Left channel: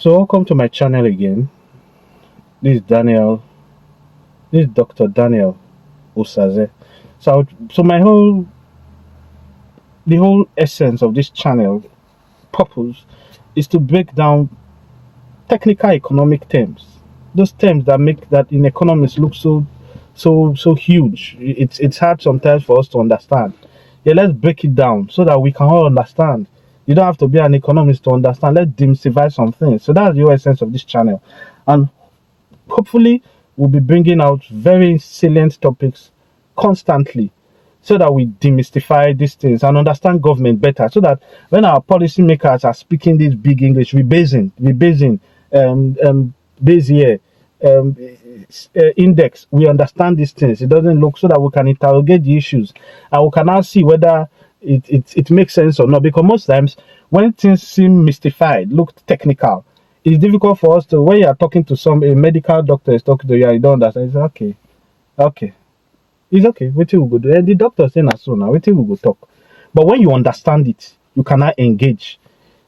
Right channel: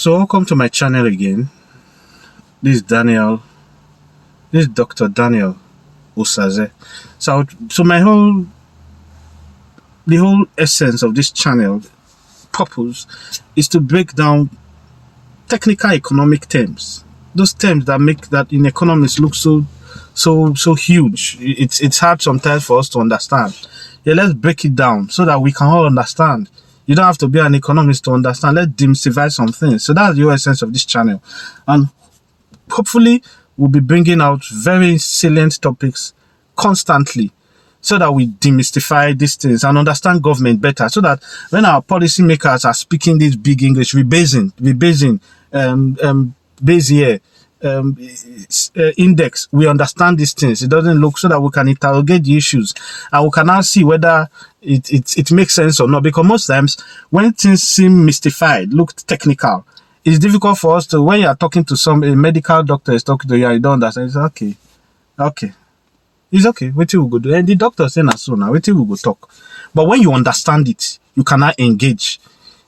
So welcome to my channel again. This is Daniel. This is Dr. Daniel Osaze. So the whole essence of this channel purpose is to break down technical economic terms. Those terms that make that in economics look so huge. It's hard sometimes for us to understand. Yeah, let's break it down so that we can all understand. You don't have to be an economist to understand. Let's demystify some things. So that's the whole essence of this channel. And hopefully we'll be bringing out very salient topics constantly so that we demystify these things and understand government better, so that when our policymakers are speaking this big English, rebasing, base year, index, we understand these things. It doesn't look, so that we can interrogate the issues and we can now see whether it makes sense or not. Because most times when things seem mystified, look technical, it's difficult for us to, when you are talking to a medical doctor is talking to you and you don't understand, it's okay. It's okay. Wait till we go do. And the doctor saying that so now. Wait till we go talk. But when you understand it, you cannot engage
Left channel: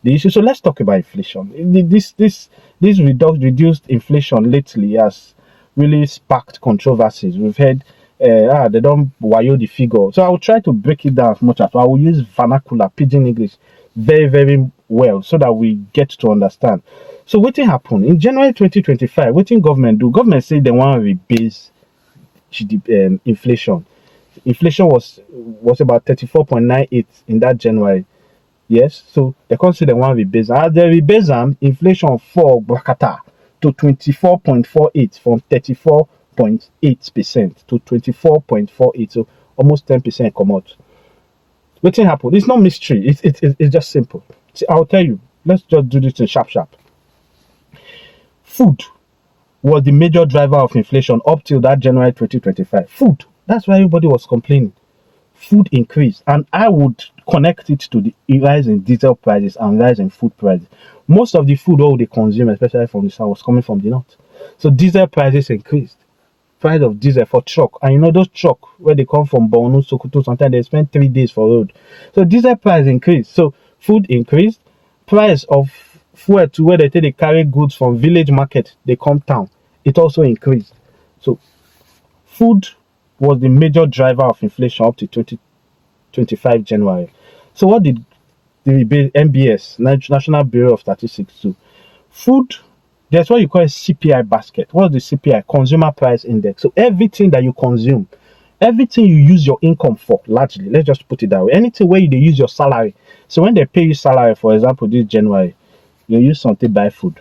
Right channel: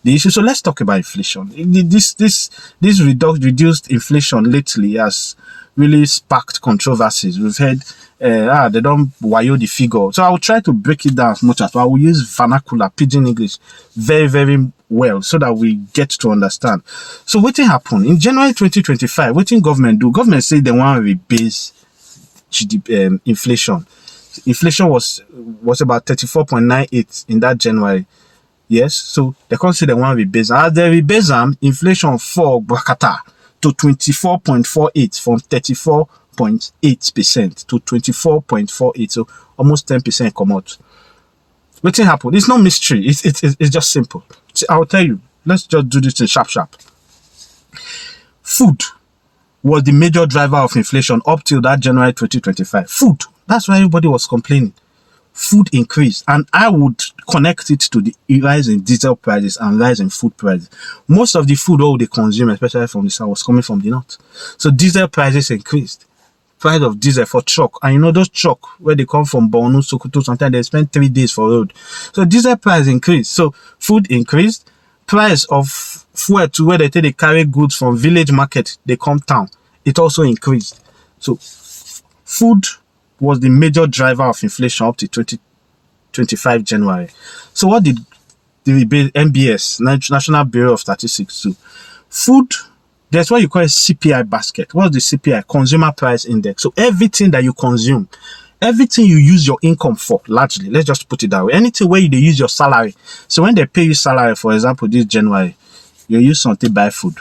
the issue. So let's talk about inflation. This reduced inflation lately has really sparked controversies. We've heard they don't wayo the figure. So I will try to break it down as much as possible. I will use vernacular, pidgin English, very, very well, so that we get to understand. So what happened in January 2025? What government do? Government say they want to rebase GDP, inflation. Inflation was about 34.98 in that January. Yes, so they can't say they want to rebase. As they rebase, inflation fall brakata to 24.48 from 34.8% to 24.48, so almost 10% come out. What happened? It's not mystery. It's just simple. I'll tell you. Let's just do this in sharp. Food was the major driver of inflation up till that January 2025. Food. That's why everybody was complaining. Food increased, and I would connect it to the rise in diesel prices and rise in food prices. Most of the food all they consume, especially from the south, was coming from the north. So diesel prices increased. Price of diesel for truck, and you know those truck where they come from Borno, Sokoto, sometimes they spend 3 days for road. So diesel price increased. So food increased. Price of fuel to where they take they carry goods from village market, they come town, it also increased. So food was the major driver of inflation up to 2025 January. So what did the NBS, National Bureau of Statistics, do? Food, that's why you call it CPI basket. What's the CPI? Consumer Price Index. So everything that you consume, everything you use your income for, largely, let's just put it that way. Anything where they use your salary. So when they pay you salary, for example, this January, you use something to buy food.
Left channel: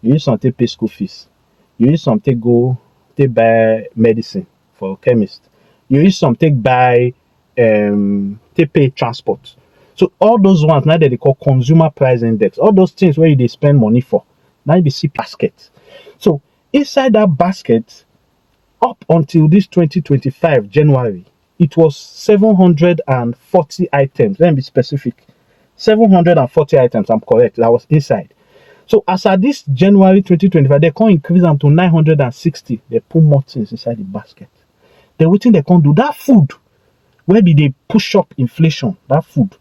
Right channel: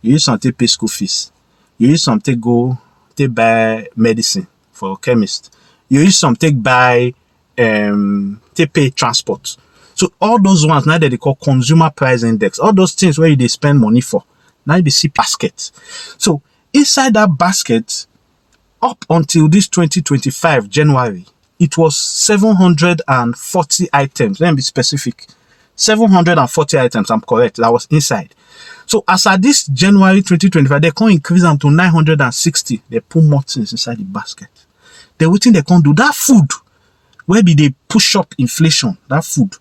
You use something to pay school fees. You use something to go to buy medicine for chemist. You use something to buy to pay transport. So all those ones now that they call consumer price index, all those things where they spend money for, now they see basket. So inside that basket, up until this 2025 January, it was 740 items. Let me be specific. 740 items, I'm correct, that was inside. So as at this January 2025, they can't increase them to 960. They put more things inside the basket. Then what thing they can't do? That food, where be they push up inflation, that food,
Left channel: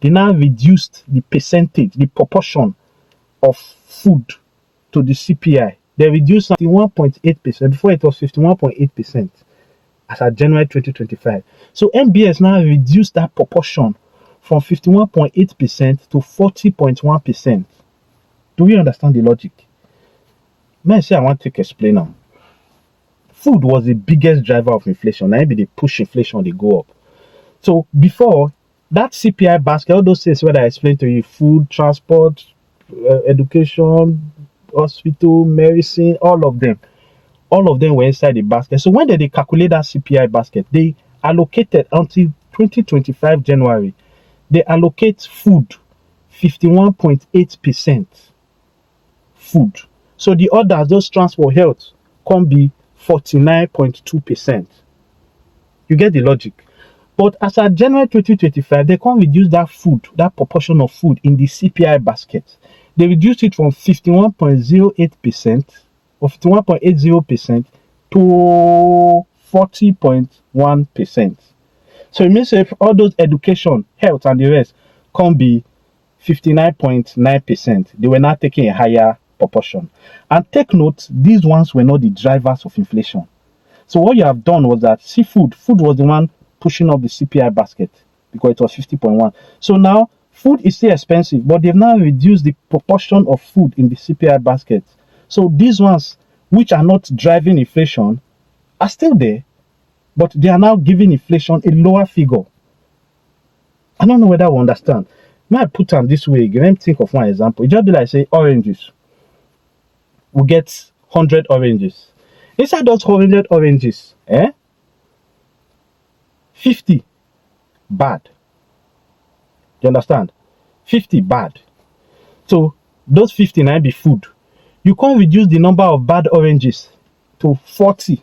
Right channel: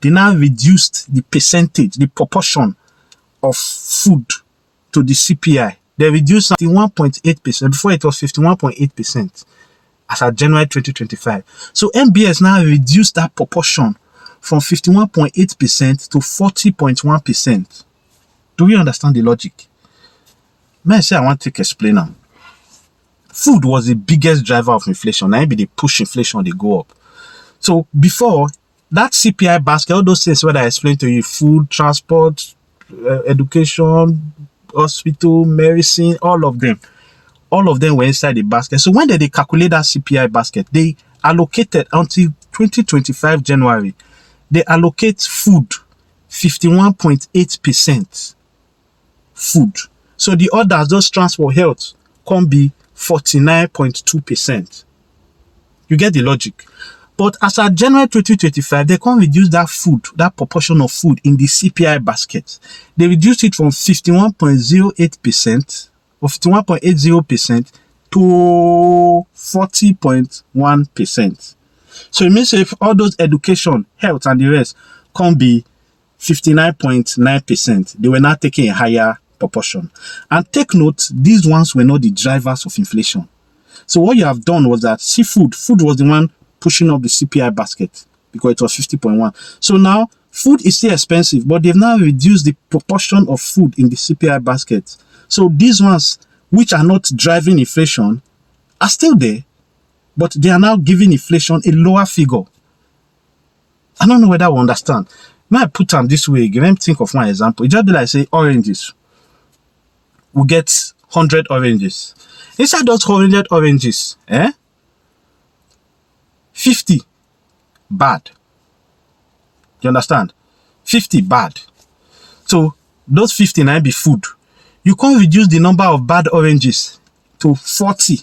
they now reduced the percentage, the proportion of food to the CPI. They reduced 51.8%. Before it was 51.8% as at January 2025. So NBS now reduced that proportion from 51.8% to 40.1%. Do we understand the logic? May I say I want to explain now. Food was the biggest driver of inflation. Now maybe they push inflation, they go up. So before that CPI basket, all those things where I explained to you, food, transport, education, hospital, medicine, all of them were inside the basket. So when they calculate that CPI basket, they allocated until 2025 January, they allocate food 51.8%. Food. So the others, those transport, health, can be 49.2%. You get the logic. But as at January 2025, they can't reduce that food, that proportion of food in the CPI basket. They reduced it from 51.08% or 51.80% to 40.1%. So it means if all those education, health, and the rest can be 59.9%, they were not taking a higher proportion. And take note, these ones were not the drivers of inflation. So what you have done was that food was the one pushing up the CPI basket because it was 50.1. So now food is still expensive, but they've now reduced the proportion of food in the CPI basket. So these ones which are not driving inflation are still there, but they are now giving inflation a lower figure. I don't know whether we understand. When I put them this way, let me think of one example. It just be like say oranges. We get 100 oranges. Inside those 100 oranges, 50 bad. You understand? 50 bad. So those 50 might be food. You can't reduce the number of bad oranges to 40.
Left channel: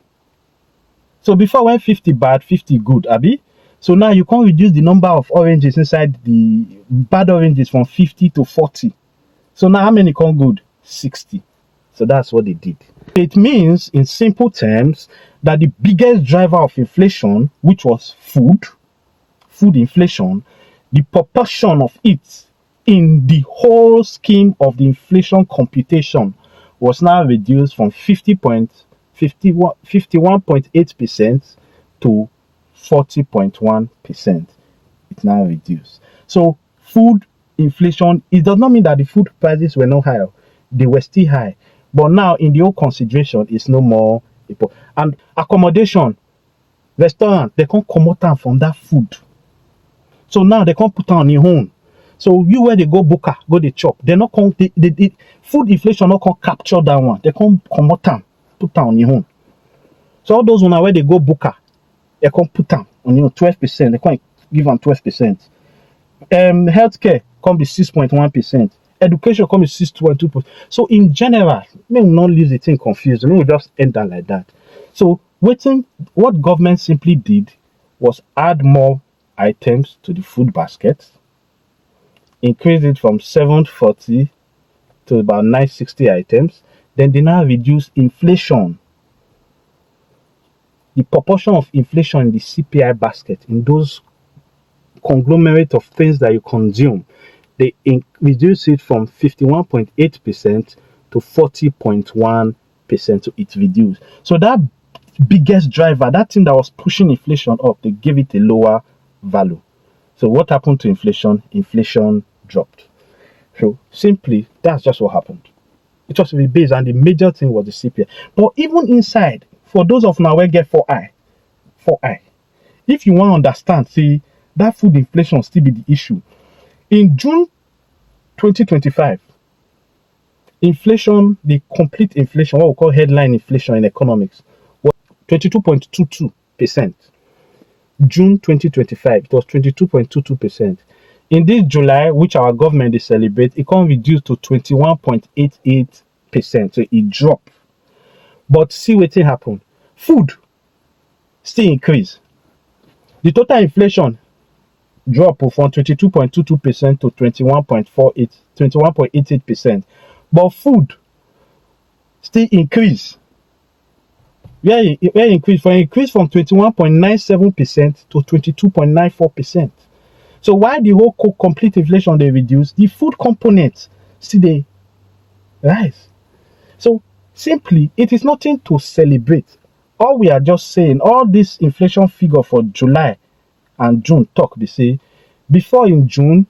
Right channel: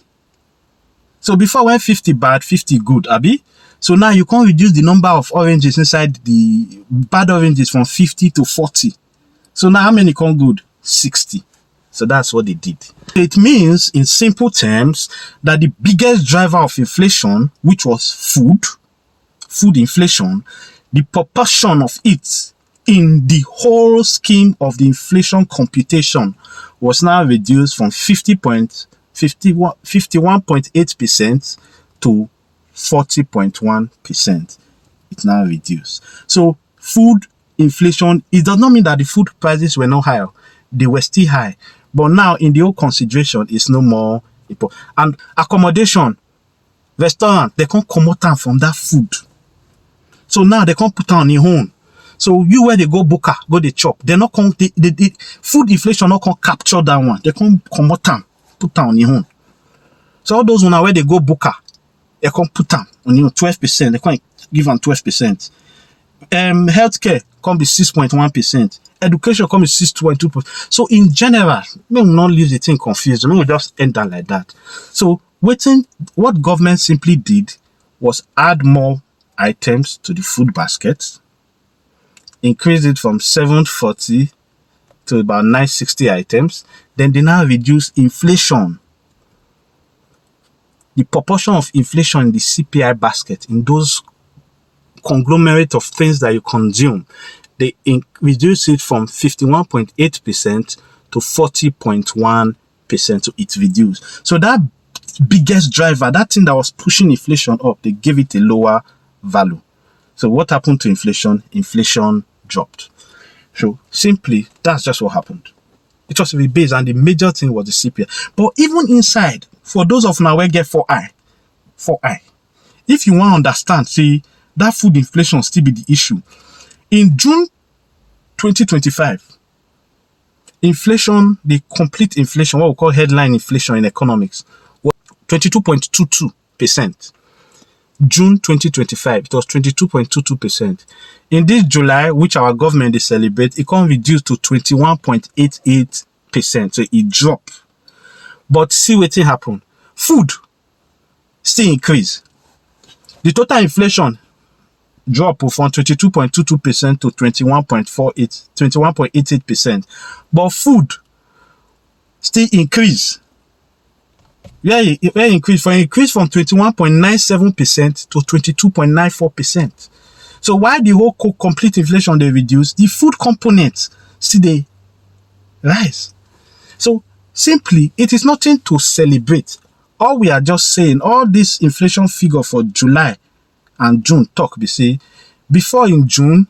So before when 50 bad, 50 good, Abi? So now you can't reduce the number of oranges inside the bad oranges from 50 to 40. So now how many come good? 60. So that's what they did. It means, in simple terms, that the biggest driver of inflation, which was food inflation, the proportion of it in the whole scheme of the inflation computation was now reduced from 51.8% to 40.1%. It's now reduced. So food inflation, it does not mean that the food prices were not higher. They were still high. But now in the whole consideration, it's no more important. And accommodation, restaurant, they can't come out from that food. So now they can't put on their own. So you where they go booker, go they chop. They're not come, the food inflation not can capture that one. They can't come out and put on their own. So all those where they go booker, they can't put on 12%. They can't give them 12%. Healthcare can be 6.1%. Education can be 6.2%. So in general, may we not leave the thing confused. May we just end that like that. So what government simply did was add more items to the food basket, increase it from 740 to about 960 items. Then they now reduce inflation. The proportion of inflation in the CPI basket, in those conglomerate of things that you consume, they reduce it from 51.8% to 40.1%. So it reduced. So that biggest driver, that thing that was pushing inflation up, they gave it a lower value. So what happened to inflation? Inflation dropped. So simply, that's just what happened. It was rebased, and the major thing was the CPI. But even inside, for those of now where get 4i, if you want to understand, see, that food inflation still be the issue. In June 2025, inflation, the complete inflation, what we call headline inflation in economics, was 22.22%. June 2025, it was 22.22%. In this July, which our government is celebrate, it can reduce to 21.88%. So it dropped. But see what happened. Food still increase. The total inflation drop from 22.22% to 21.88%. But food still increase. Where increase from 21.97% to 22.94%. So while the whole complete inflation they reduce, the food components still they rise. So simply, it is nothing to celebrate. All we are just saying, all this inflation figure for July and June talk, they say, before in June,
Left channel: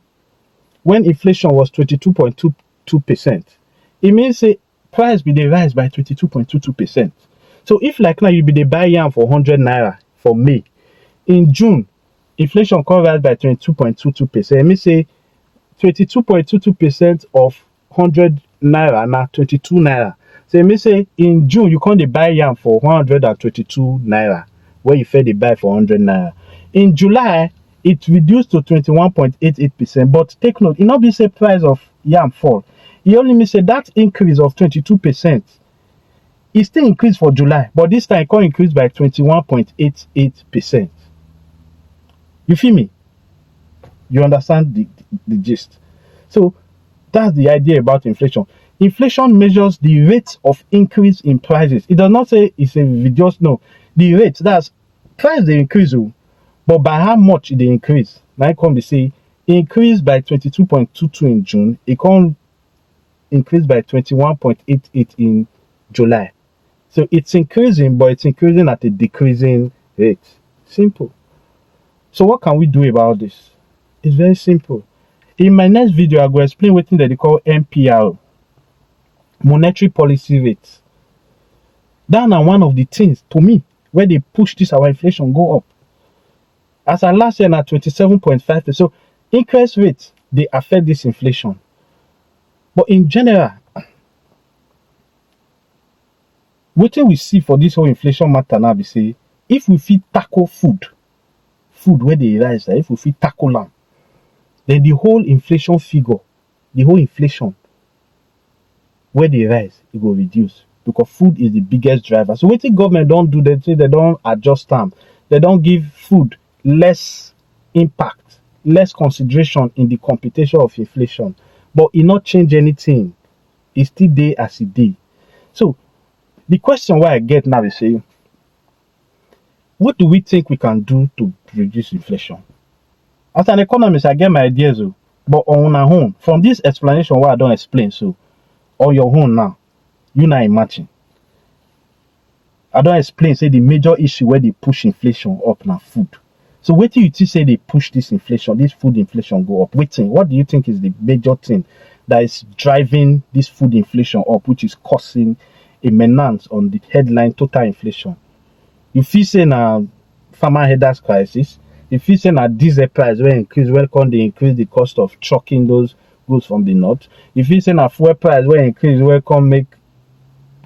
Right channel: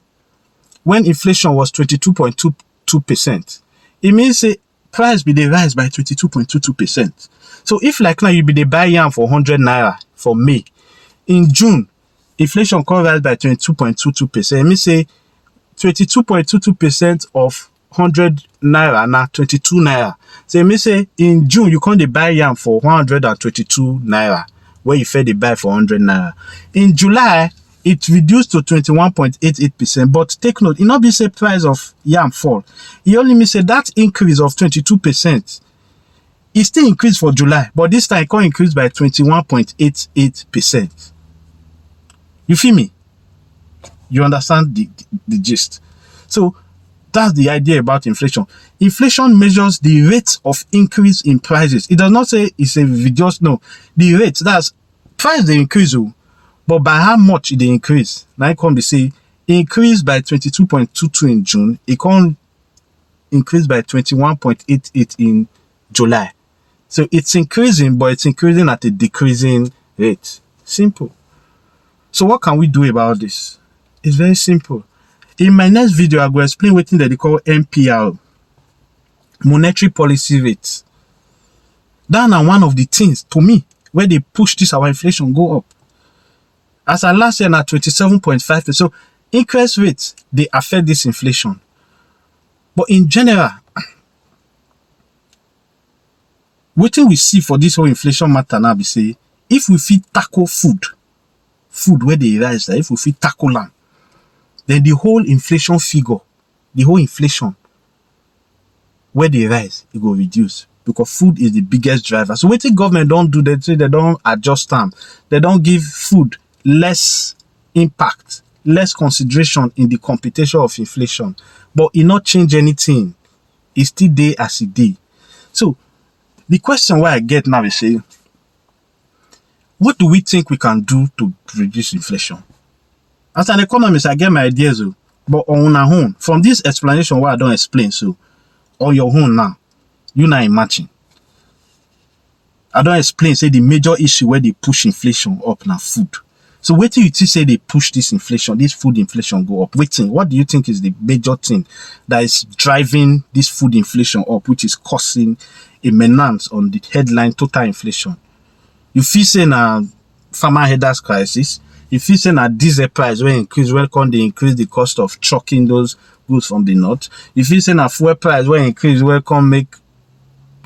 when inflation was 22.22%, it means say price be they rise by 22.22%. So if like now you be they buy yam for 100 naira for May, in June, inflation can rise by 22.22%. It means say 22.22% of 100 naira now 22 naira. So it means say in June you can't buy yam for 122 naira where you fed the buy for 100 naira. In July, it reduced to 21.88%. But take note, it not be say price of yam fall. It only means say that increase of 22%. It still increased for July, but this time it can increase by 21.88%. You feel me? You understand the gist? So that's the idea about inflation. Inflation measures the rate of increase in prices. It does not say it's a reduce, no. The rate, that's price they increase, but by how much they increase? Now it can be say increase by 22.22 in June. It can increased by 21.88 in July. So it's increasing, but it's increasing at a decreasing rate. Simple. So what can we do about this? It's very simple. In my next video, I will explain what they call MPR, monetary policy rate. That are one of the things, to me, where they push this our inflation go up. As at last year, at 27.5%. So interest rates, they affect this inflation. But in general, what we see for this whole inflation matter now be say, if we fit tackle food where they rise, if we fit tackle them, then the whole inflation figure, the whole inflation where they rise, it will reduce, because food is the biggest driver. So what the government don't do, they say they don't adjust them, they don't give food less impact, less consideration in the computation of inflation, but it not change anything. It's still there as it day. So the question why I get now is saying, what do we think we can do to reduce inflation? As an economist, I get my ideas, but on our own, from this explanation why I don't explain, so on your own now, you now imagine. I don't explain, say the major issue where they push inflation up now, food. So wait till you say they push this inflation, this food inflation go up. Waiting, what do you think is the major thing that is driving this food inflation up, which is causing a menace on the headline total inflation? You feel saying a farmer headers crisis. You feel saying a diesel price will increase, welcome they increase the cost of trucking those goods from the north. You feel saying a fuel price will increase, welcome make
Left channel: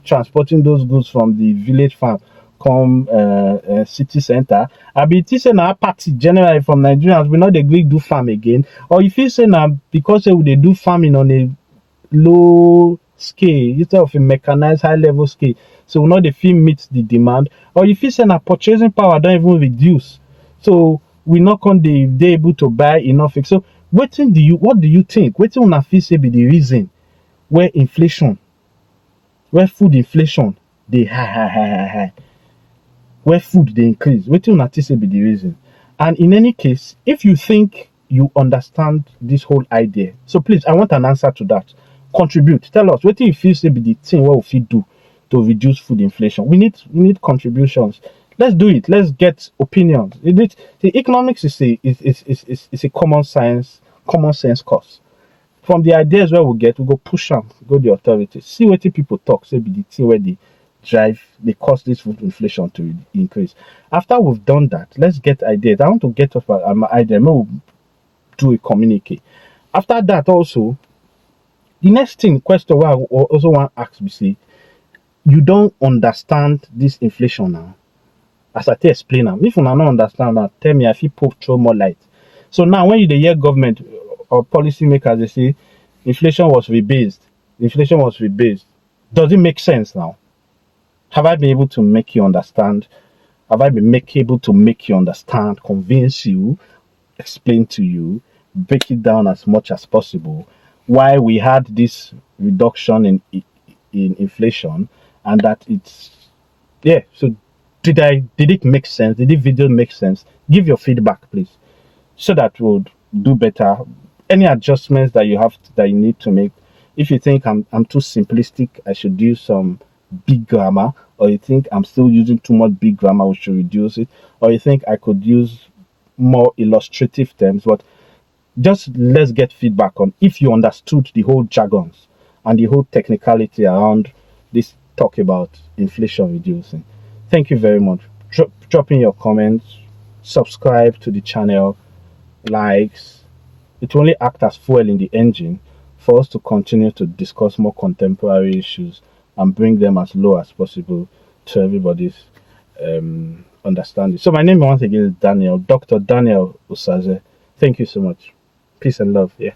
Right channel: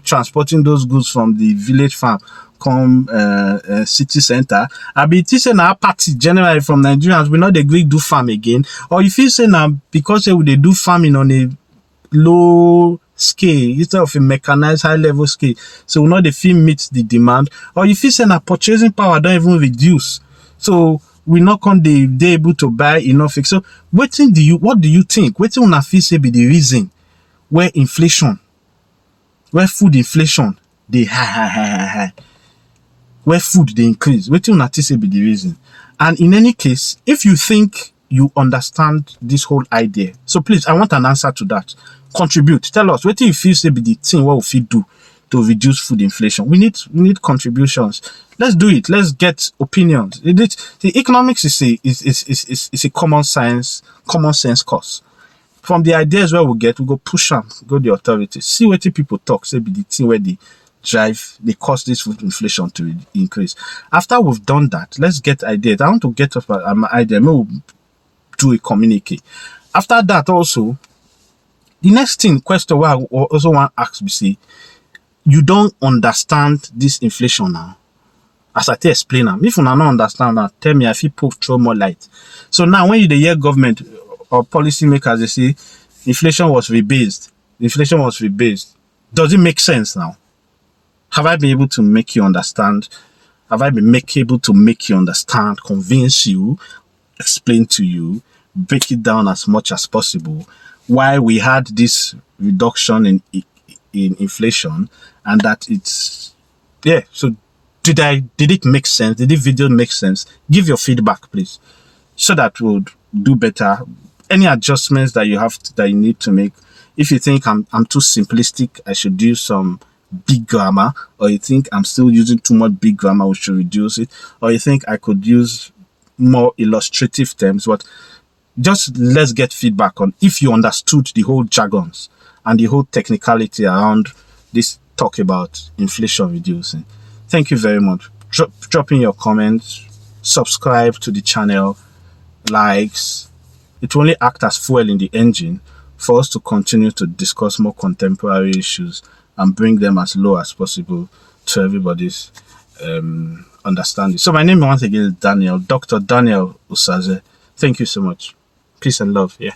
transporting those goods from the village farm come city center. I be saying a party generally from Nigerians we not agree do farm again. Or you feel saying because they do farming on a low scale instead of a mechanized high level scale, so now the feel meets the demand. Or if you say na purchasing power don't even reduce, so we not going they able to buy enough. So what do you think? What una feel say be the reason where inflation, where food inflation they high, where food they increase? What una think say be the reason? And in any case, if you think you understand this whole idea, so please, I want an answer to that. Contribute. Tell us what do you feel say be the thing what we do to reduce food inflation. We need contributions. Let's do it. Let's get opinions. The economics is a common sense course. From the ideas where we go push them, go the authorities, see what people talk, say be the thing where they cause this food inflation to increase. After we've done that, let's get ideas. I want to get up my idea. Maybe we'll do a communique. After that also, the next question where I also want to ask me, say, you don't understand this inflation now. As I explain them, if you don't understand that, tell me if you throw more light. So now when you hear government or policymakers, they say inflation was rebased. Does it make sense now? Have I been able to make you understand? Have I been able to make you understand, convince you, explain to you, break it down as much as possible why we had this reduction in inflation, and that it's so did it make sense? Did the video make sense? Give your feedback, please, so that we'll do better. Any adjustments that you need to make. If you think I'm too simplistic, I should use some big grammar, or you think I'm still using too much big grammar, we should reduce it, or you think I could use more illustrative terms, but just let's get feedback on if you understood the whole jargons and the whole technicality around this talk about inflation reducing. Thank you very much. Drop in your comments, subscribe to the channel, likes. It will only act as fuel in the engine for us to continue to discuss more contemporary issues and bring them as low as possible to everybody's understanding. So my name once again is Daniel, Dr. Daniel Usaze. Thank you so much. Peace and love. Yeah.